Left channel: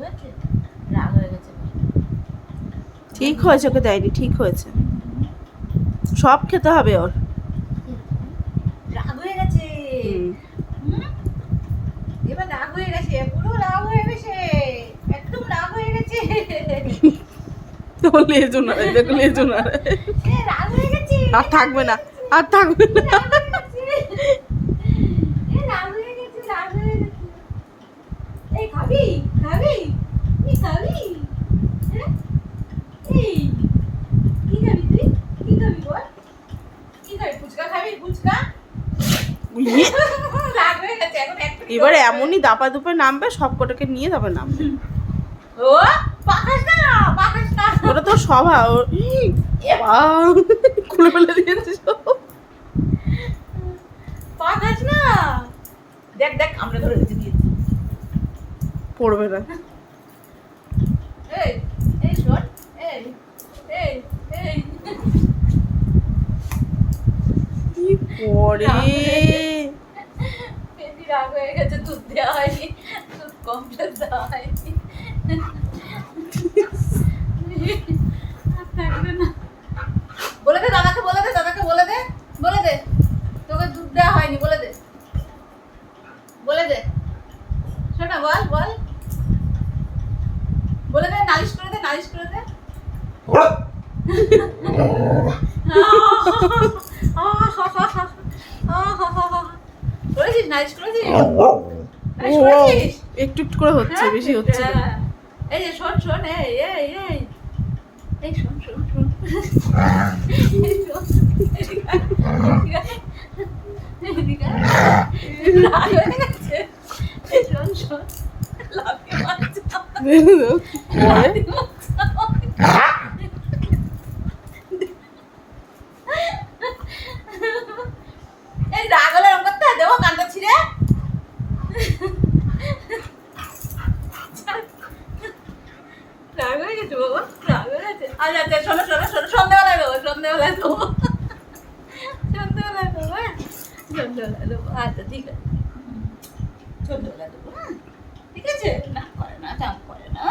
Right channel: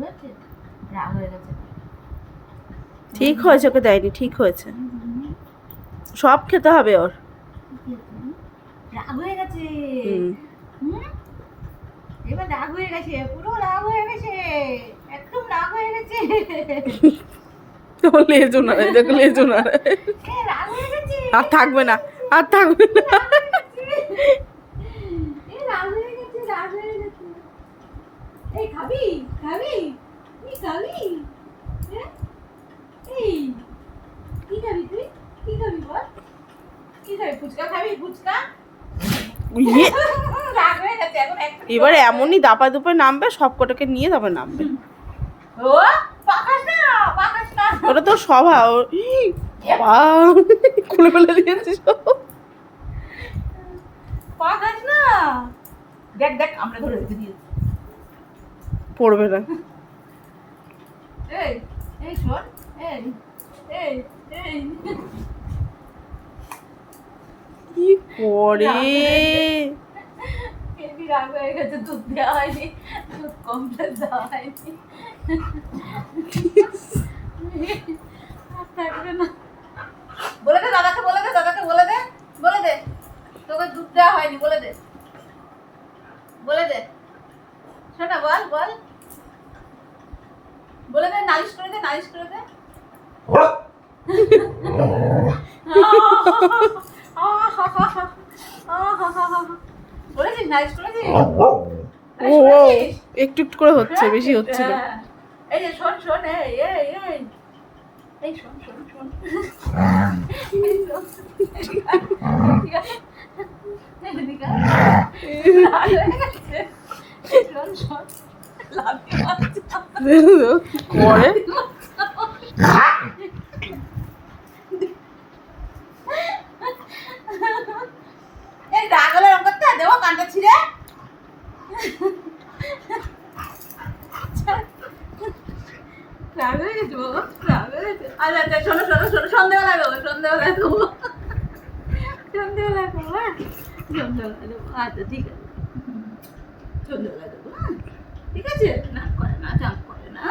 হয়েছে, রাগ হয়ে গেছে। ঠিক হয়েছে, ওকে দেয়নি, ঠিক হয়েছে। সব খেতে হবে ওর। রাগ হয়ে গেছে। এবার রাগ হয়ে গেছে, পুরো রাগ হয়ে গেছে, একদম রাগ হয়ে গেছে। তো লেজো না, দেখো লেজো না, রাগ হয়ে গেছে, আর থাকবে না, আর থাকবে না। রাগ হয়ে গেছে, রাগ হয়ে গেছে। এই খাবি, খাবি, তুই খাবি? এই কি খাবি তুই? কি খাবি বল? কি খাবি? ফুচকা খাবি? ফুচকা? রাগ হয়ে গেছে এখন। এবার এমনই দাপা দুপে নামবে, সব কটাকে নিয়ে তারপর নামবে। ও পাকাস না, পাকাস না। ওটা তো স্বভাব। খুলে ফেলে দিয়েছে সব। পাকাস না। দেখ দেখ, আমরা ধরে দিয়েছি। পড়বে না। এই এই শোন, এই এই এই কি করে? হেবি রাগ হয়ে গেছে, দুধ দেওয়া হয়নি, দুধ কমপ্লেট দেওয়া হয়নি। আর থাকবে না। বলে দে দাদাকে, বলে দে দাদাকে, বলে দে, বলে দে তোকে দুধ দেওয়া হয়নি, বলে দে, বলে দে। শোনা, বল বল, বলে দে, নালিশ করে দে, নালিশ করে দে। বলেছিস, নালিশ করেছিস? ও একটু একটু করে হচ্ছে, বেশি হচ্ছে না। এই যে শোন শোন, এই এই এই এই শোন শোন শোন, এই শোন, এদিকে আয়, এদিকে আয়, রাগ হয়ে গেছে। এই শোন শোন, লাফিয়ে মারছে। কি করে? এই রাগ হলে এরকম করতে হয়? দেবো কানটা ছিঁড়ে। রাগ হয়ে গেছে বাবা, রাগ হয়ে গেছে। আচ্ছা আচ্ছা, শোনো শোনো শোনো, সন্ধ্যেবেলা দেবো, সন্ধ্যেবেলা দেবো, সন্ধ্যেবেলা দেবো, হ্যাঁ সন্ধ্যেবেলা দেবো। আচ্ছা ঠিক আছে, সন্ধ্যেবেলা দেবো, হ্যাঁ ঠিক আছে। না করে না, চাপ করে না।